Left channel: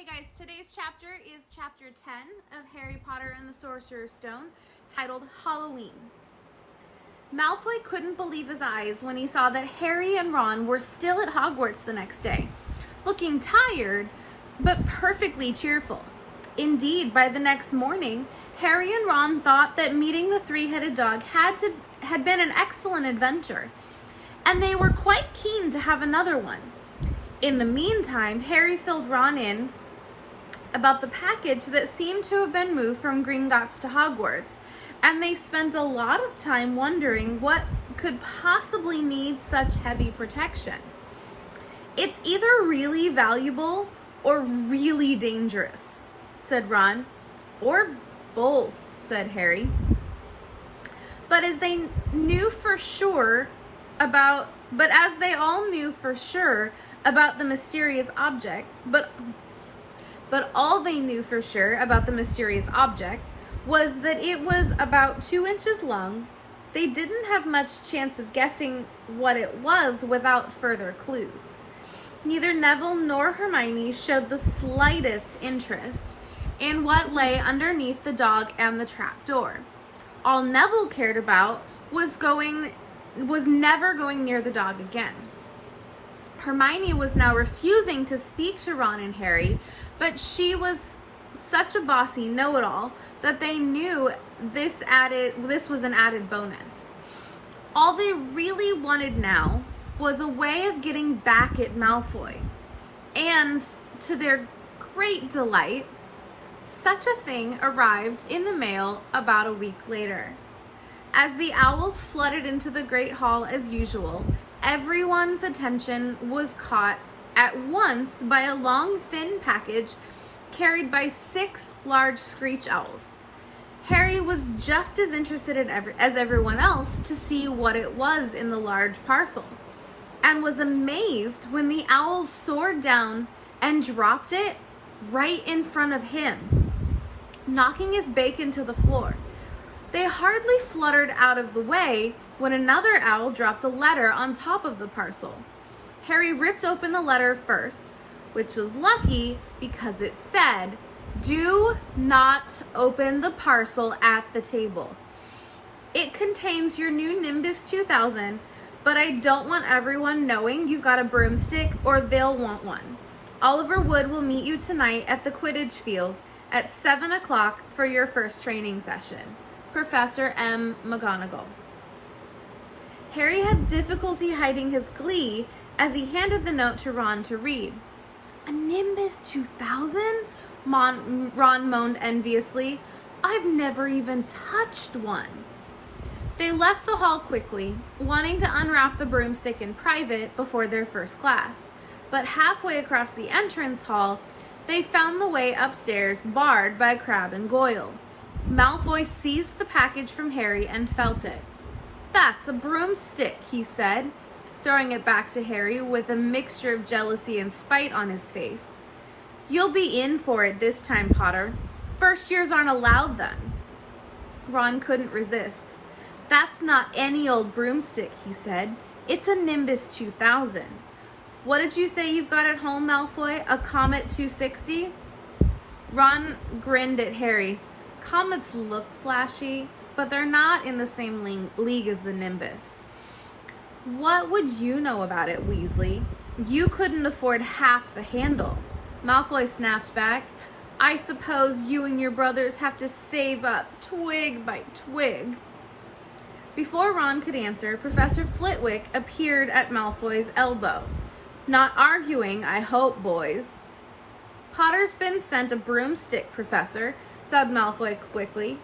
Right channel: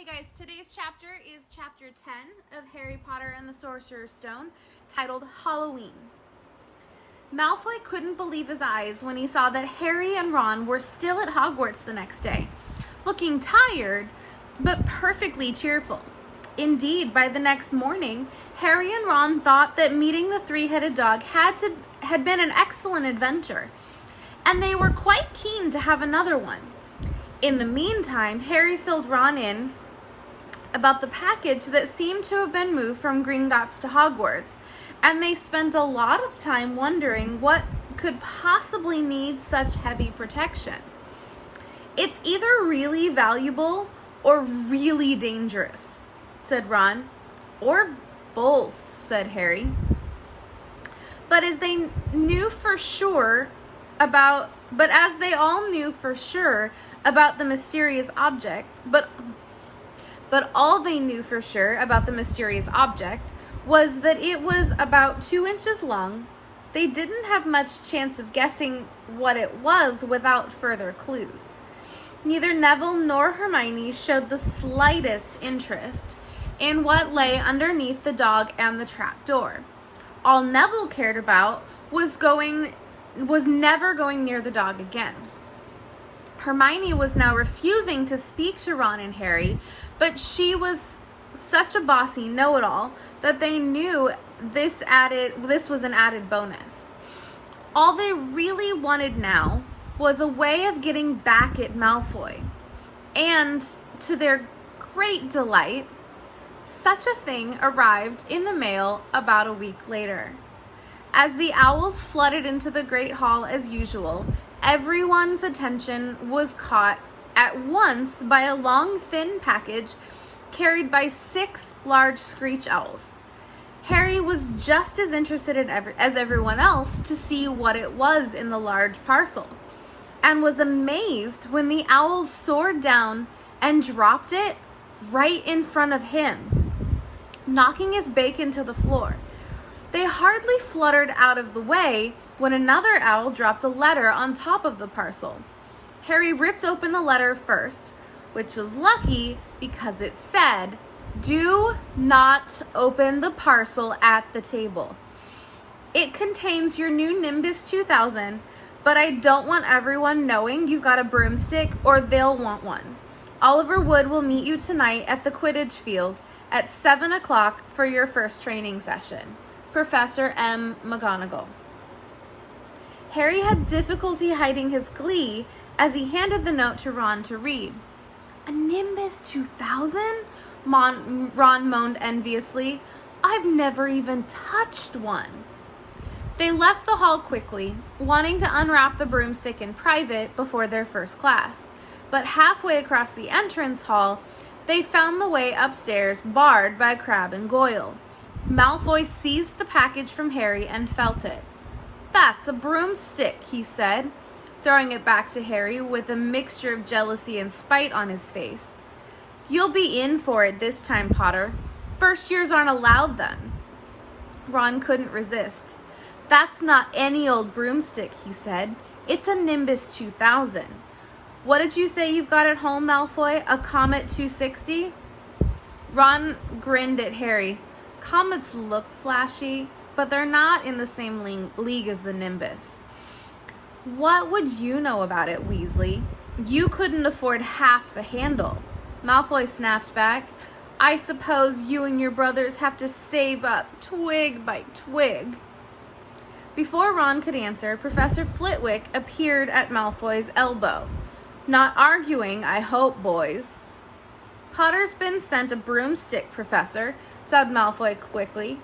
Hey guys, today's chapter is chapter 10 of Harry Potter and the Sorcerer's Stone, titled Halloween. Malfoy couldn't believe his eyes when he saw that Harry and Ron were still at Hogwarts the next day, looking tired, but perfectly cheerful. Indeed, by the next morning, Harry and Ron thought that meeting the three-headed dog had been an excellent adventure, and they were quite keen to have another one. In the meantime, Harry filled Ron in about the package that seemed to have been moved from Gringotts to Hogwarts, and they spent a lot of time wondering what could possibly need such heavy protection. "It's either really valuable or really dangerous," said Ron. "Or both," said Harry. But as they all knew for sure about the mysterious object, but all they knew for sure about the mysterious object was that it was about 2 inches long. They didn't have much chance of guessing what it was without further clues. Neither Neville nor Hermione showed the slightest interest in what lay underneath the dog and the trapdoor. All Neville cared about was never going near the dog again. Hermione was now refusing to speak to Ron and Harry, but she was such a bossy know-it-all that they knew this was an added bonus. All they really wanted now was a way of getting back at Malfoy. And to their great delight, such a thing arrived in the mail about a week later. As the owls flooded into the Great Hall as usual, everyone's attention was caught at once by a long, thin package carried by 6 large screech owls. Harry was just as interested as everyone else to see what it was in the large parcel, and was amazed when the owls soared down and dropped it right in front of him, knocking his bacon to the floor. They hardly fluttered out of the way when another owl dropped a letter on top of the parcel. Harry ripped open the letter first, which was lucky because it said, "Do not open the parcel at the table. It contains your new Nimbus 2000, but I don't want everyone knowing you've got a broomstick or they'll want one. Oliver Wood will meet you tonight at the Quidditch field at 7 o'clock for your first training session. Professor M. McGonagall." Harry had difficulty hiding his glee as he handed the note to Ron to read. "A Nimbus 2000? Ron moaned enviously. "I've never even touched one." They left the hall quickly, wanting to unwrap the broomstick in private before their first class. But halfway across the entrance hall, they found the way upstairs barred by Crabbe and Goyle. Malfoy seized the package from Harry and felt it. "That's a broomstick," he said, throwing it back to Harry with a mixture of jealousy and spite on his face. "You'll be in for it this time, Potter. First years aren't allowed then." Ron couldn't resist. "That's not any old broomstick," he said. "It's a Nimbus 2000. What did you say you've got at home, Malfoy? A Comet 260? Ron grinned at Harry. "Comets look flashy, but they're not in the same league as the Nimbus." "What would you know about it, Weasley? You couldn't afford half the handle." Malfoy snapped back. "I suppose you and your brothers have to save up twig by twig." Before Ron could answer, Professor Flitwick appeared at Malfoy's elbow. "Not arguing, I hope, boys." "Potter's been sent a broomstick, Professor," said Malfoy quickly.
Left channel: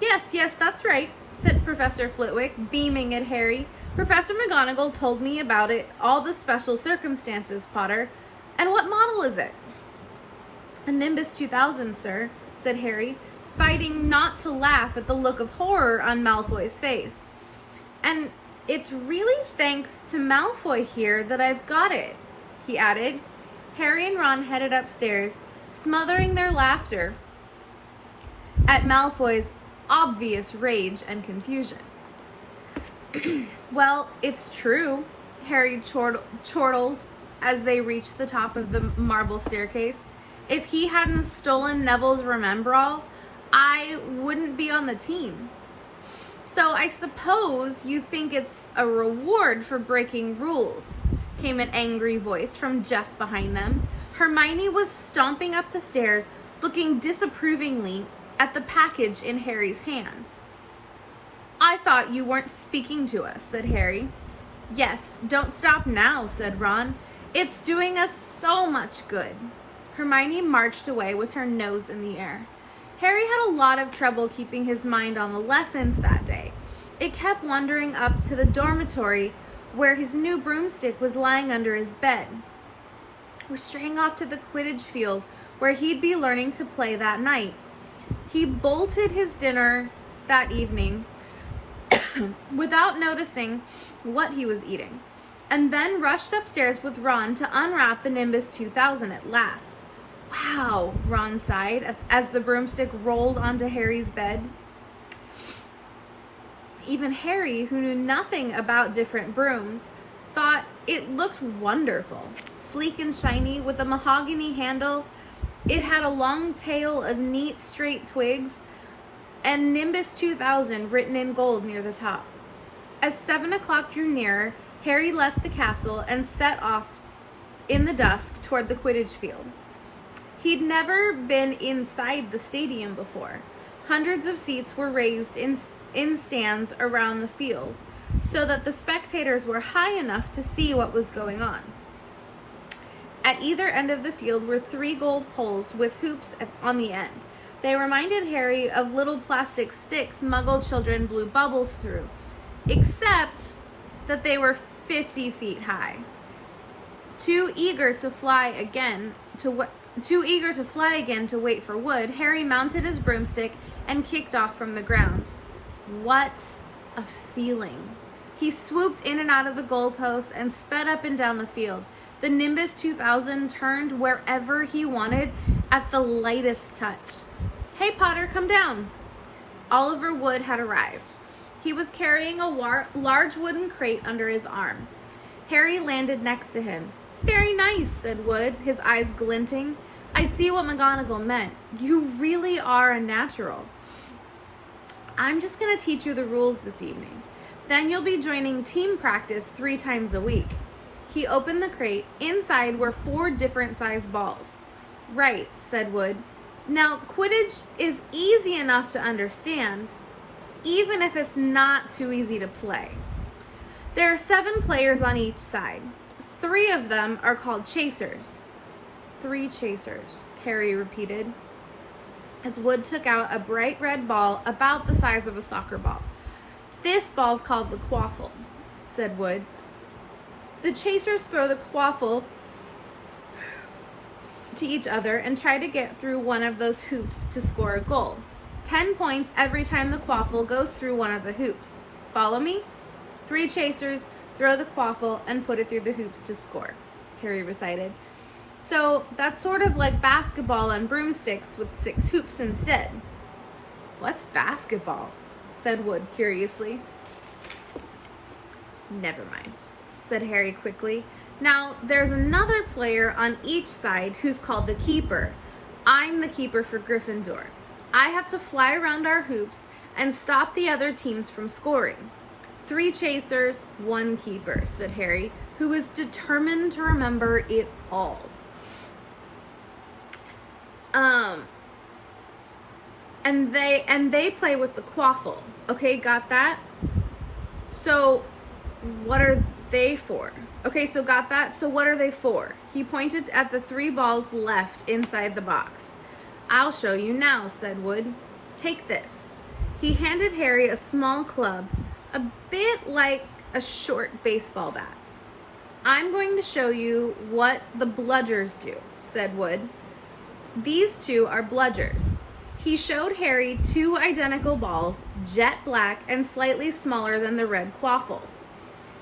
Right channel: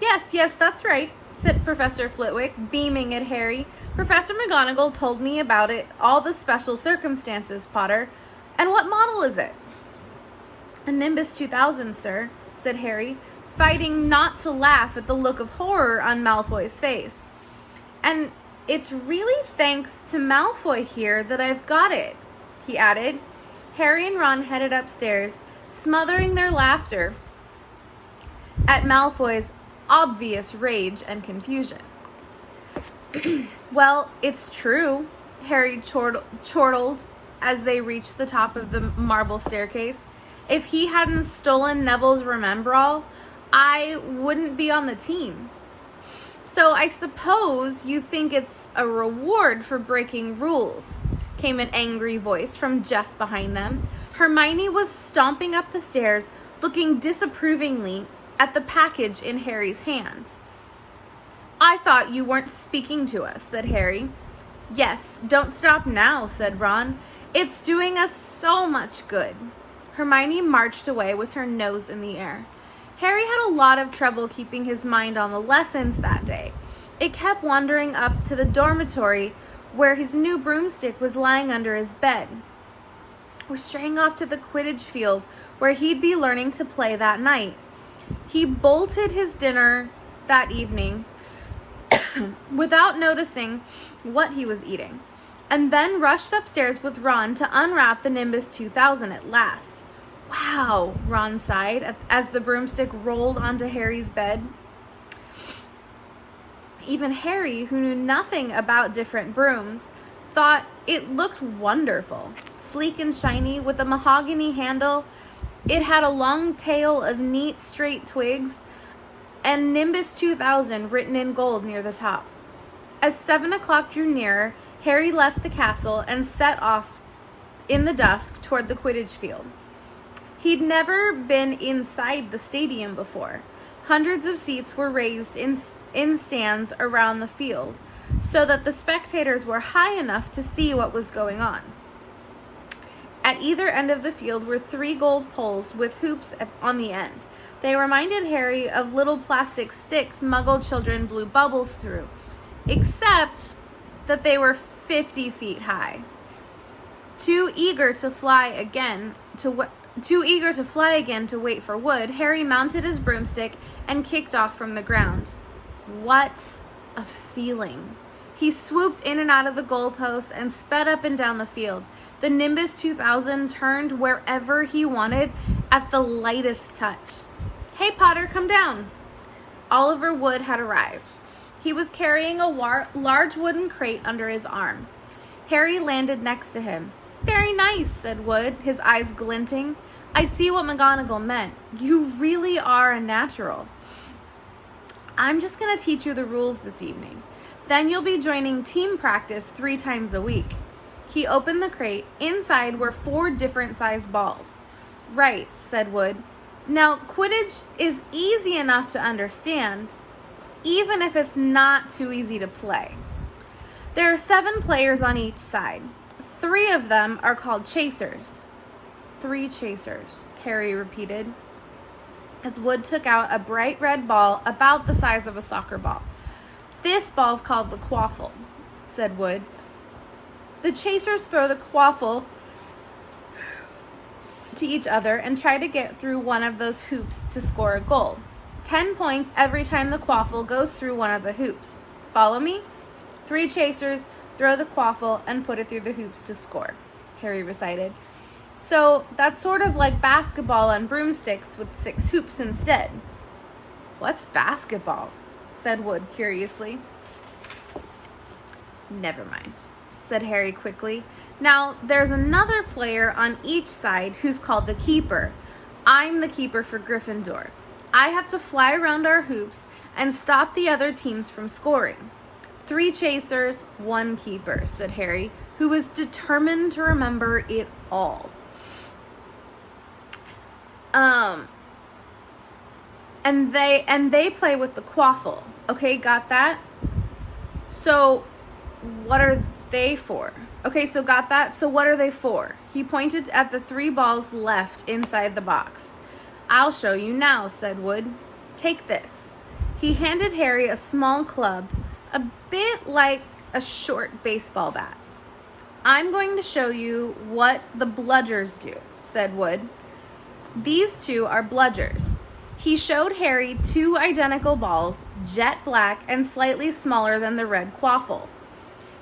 Yes, that's right," said Professor Flitwick, beaming at Harry. "Professor McGonagall told me about it, all the special circumstances, Potter. And what model is it?" "A Nimbus 2000, sir," said Harry, fighting not to laugh at the look of horror on Malfoy's face. "And it's really thanks to Malfoy here that I've got it," he added. Harry and Ron headed upstairs, smothering their laughter at Malfoy's obvious rage and confusion. "Well, it's true," Harry chortled as they reached the top of the marble staircase. If he hadn't stolen Neville's Remembrall, I wouldn't be on the team. So I suppose you think it's a reward for breaking rules, came an angry voice from just behind them. Hermione was stomping up the stairs, looking disapprovingly at the package in Harry's hand. I thought you weren't speaking to us, said Harry. Yes, don't stop now, said Ron. It's doing us so much good. Hermione marched away with her nose in the air. Harry had a lot of trouble keeping his mind on the lessons that day. It kept wandering up to the dormitory where his new broomstick was lying under his bed, or straying off to the Quidditch field where he'd be learning to play that night. He bolted his dinner that evening without noticing what he was eating, and then rushed upstairs with Ron to unwrap the Nimbus 2000 at last. Wow, Ron sighed as the broomstick rolled onto Harry's bed. Even Harry, who knew nothing about different brooms, thought it looked wonderful. Sleek and shiny with a mahogany handle, it had a long tail of neat straight twigs and Nimbus 2000 written in gold near the top. As 7 o'clock drew nearer, Harry left the castle and set off in the dusk toward the Quidditch field. He'd never been inside the stadium before. Hundreds of seats were raised in stands around the field so that the spectators were high enough to see what was going on. At either end of the field were 3 gold poles with hoops on the end. They reminded Harry of little plastic sticks Muggle children blew bubbles through, except that they were 50 feet high. Too eager to fly again to wait for wood, Harry mounted his broomstick and kicked off from the ground. What a feeling. He swooped in and out of the goalposts and sped up and down the field. The Nimbus 2000 turned wherever he wanted at the lightest touch. Hey, Potter, come down. Oliver Wood had arrived. He was carrying a large wooden crate under his arm. Harry landed next to him. Very nice, said Wood, his eyes glinting. I see what McGonagall meant. You really are a natural. I'm just going to teach you the rules this evening. Then you'll be joining team practice 3 times a week. He opened the crate. Inside were 4 different sized balls. Right, said Wood. Now, Quidditch is easy enough to understand, even if it's not too easy to play. There are 7 players on each side. 3 of them are called chasers. 3 chasers, Harry repeated, as Wood took out a bright red ball about the size of a soccer ball. This ball's called the quaffle, said Wood. The chasers throw the quaffle to each other and try to get through one of those hoops to score a goal. 10 points every time the quaffle goes through one of the hoops. Follow me? 3 chasers throw the quaffle and put it through the hoops to score, Harry recited. So that's sort of like basketball on broomsticks with 6 hoops instead. What's basketball? Said Wood curiously. Never mind, said Harry quickly. Now, there's another player on each side who's called the keeper. I'm the keeper for Gryffindor. I have to fly around our hoops and stop the other teams from scoring. 3 chasers, 1 keeper, said Harry, who was determined to remember it all. And they play with the quaffle. Okay, got that? So, what are they for? Okay, so got that? So what are they for? He pointed at the 3 balls left inside the box. I'll show you now, said Wood. Take this. He handed Harry a small club, a bit like a short baseball bat. I'm going to show you what the bludgers do, said Wood. These 2 are bludgers. He showed Harry 2 identical balls, jet black and slightly smaller than the red quaffle.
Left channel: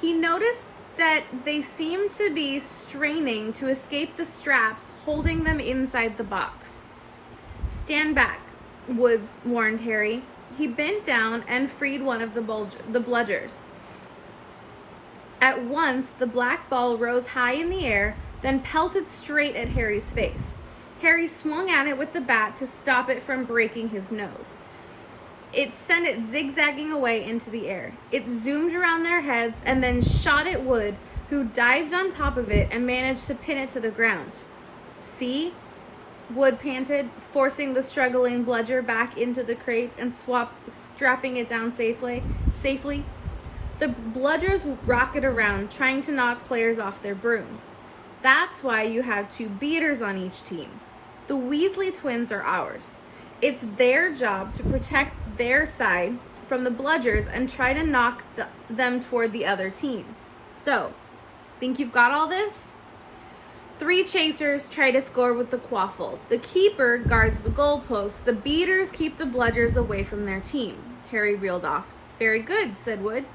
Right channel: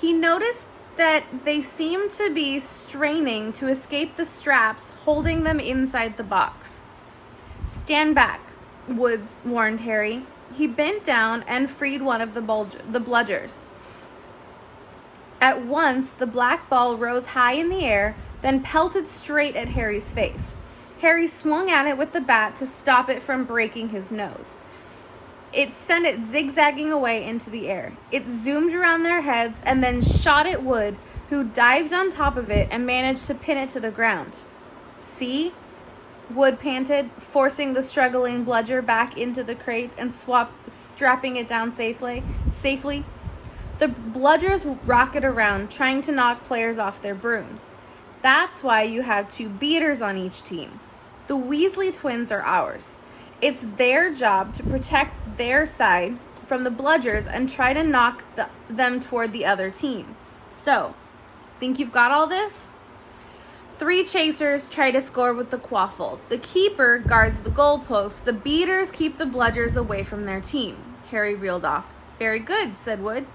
He noticed that they seemed to be straining to escape the straps holding them inside the box. Stand back, Woods warned Harry. He bent down and freed one of the bludgers. At once, the black ball rose high in the air, then pelted straight at Harry's face. Harry swung at it with the bat to stop it from breaking his nose. It sent it zigzagging away into the air. It zoomed around their heads and then shot at Wood, who dived on top of it and managed to pin it to the ground. "See?" Wood panted, forcing the struggling bludger back into the crate and strapping it down safely. The bludgers rocket around, trying to knock players off their brooms. That's why you have 2 beaters on each team. The Weasley twins are ours. It's their job to protect their side from the bludgers and try to knock them toward the other team. So, think you've got all this? 3 chasers try to score with the quaffle. The keeper guards the goalpost. The beaters keep the bludgers away from their team. Harry reeled off. "Very good," said Wood.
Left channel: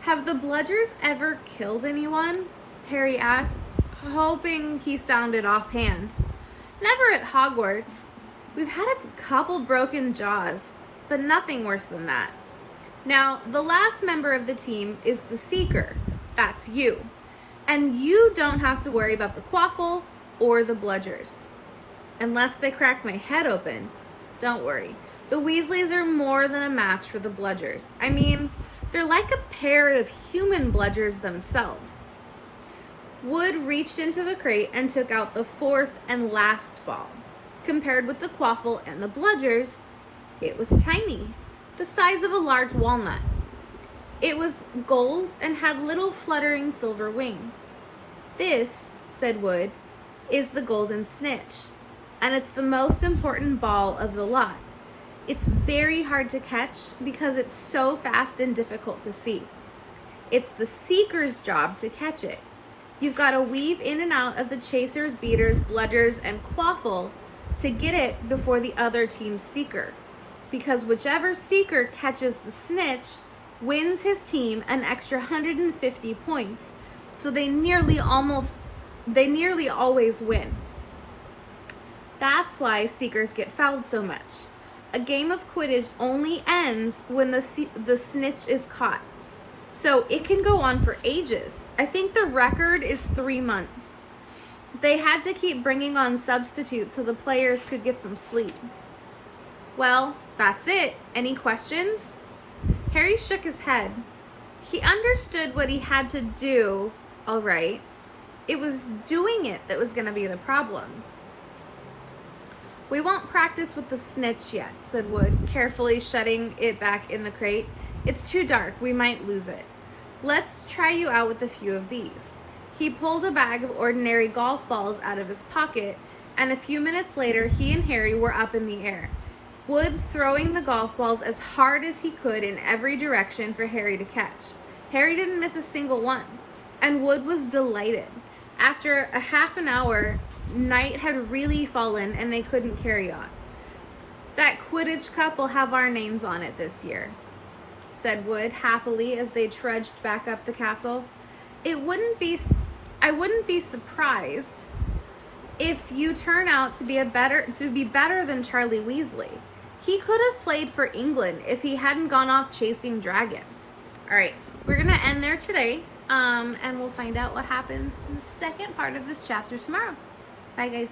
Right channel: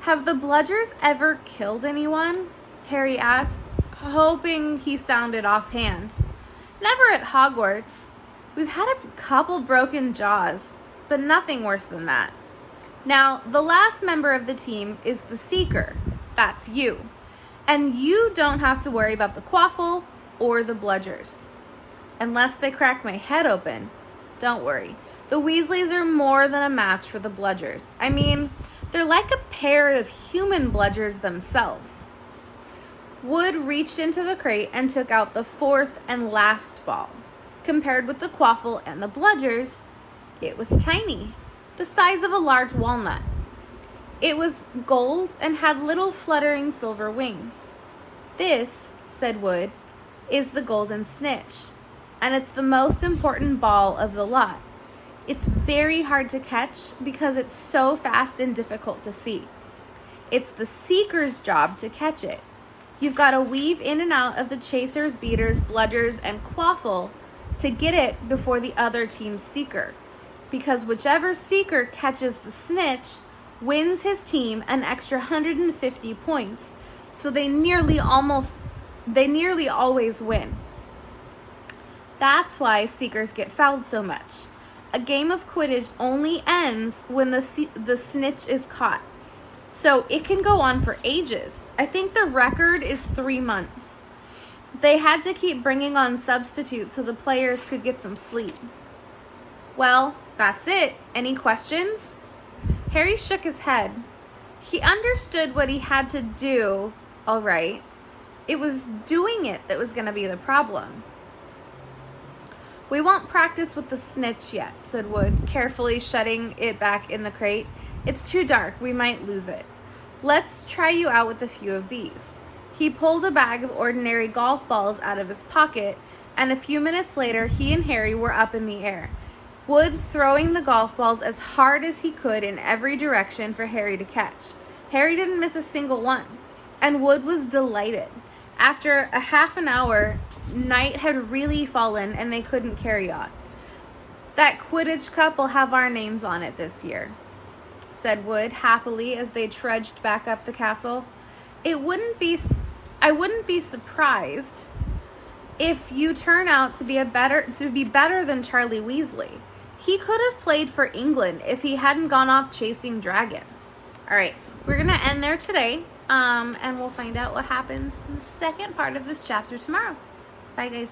Have the bludgers ever killed anyone?" Harry asked, hoping he sounded offhand. "Never at Hogwarts. We've had a couple broken jaws, but nothing worse than that. Now, the last member of the team is the Seeker. That's you. And you don't have to worry about the quaffle or the bludgers. Unless they crack my head open. Don't worry. The Weasleys are more than a match for the bludgers. I mean, they're like a pair of human bludgers themselves." Wood reached into the crate and took out the 4th and last ball. Compared with the quaffle and the bludgers, it was tiny, the size of a large walnut. It was gold and had little fluttering silver wings. "This," said Wood, "is the golden snitch, and it's the most important ball of the lot. It's very hard to catch because it's so fast and difficult to see. It's the Seeker's job to catch it. You've got to weave in and out of the chasers, beaters, bludgers, and quaffle to get it before the other team's Seeker, because whichever Seeker catches the snitch wins his team an extra 150 points, so they nearly always win. That's why Seekers get fouled so much. A game of Quidditch only ends when the snitch is caught, so it can go on for ages. I think the record is 3 months. They had to keep bringing on substitutes so the players could get some sleep." "Well, that's it. Any questions?" Harry shook his head. He understood what he had to do, all right. It was doing it that was going to be the problem. "We won't practice with the snitch yet," said Wood, carefully shutting it back in the crate. "It's too dark. We might lose it. Let's try you out with a few of these." He pulled a bag of ordinary golf balls out of his pocket, and a few minutes later, he and Harry were up in the air, Wood throwing the golf balls as hard as he could in every direction for Harry to catch. Harry didn't miss a single one, and Wood was delighted. After a half an hour, night had really fallen and they couldn't carry on. "That Quidditch Cup will have our names on it this year," said Wood happily as they trudged back up the castle. I wouldn't be surprised if you turn out to be better than Charlie Weasley. He could have played for England if he hadn't gone off chasing dragons. All right, we're going to end there today, and we'll find out what happens in the second part of this chapter tomorrow. Bye, guys.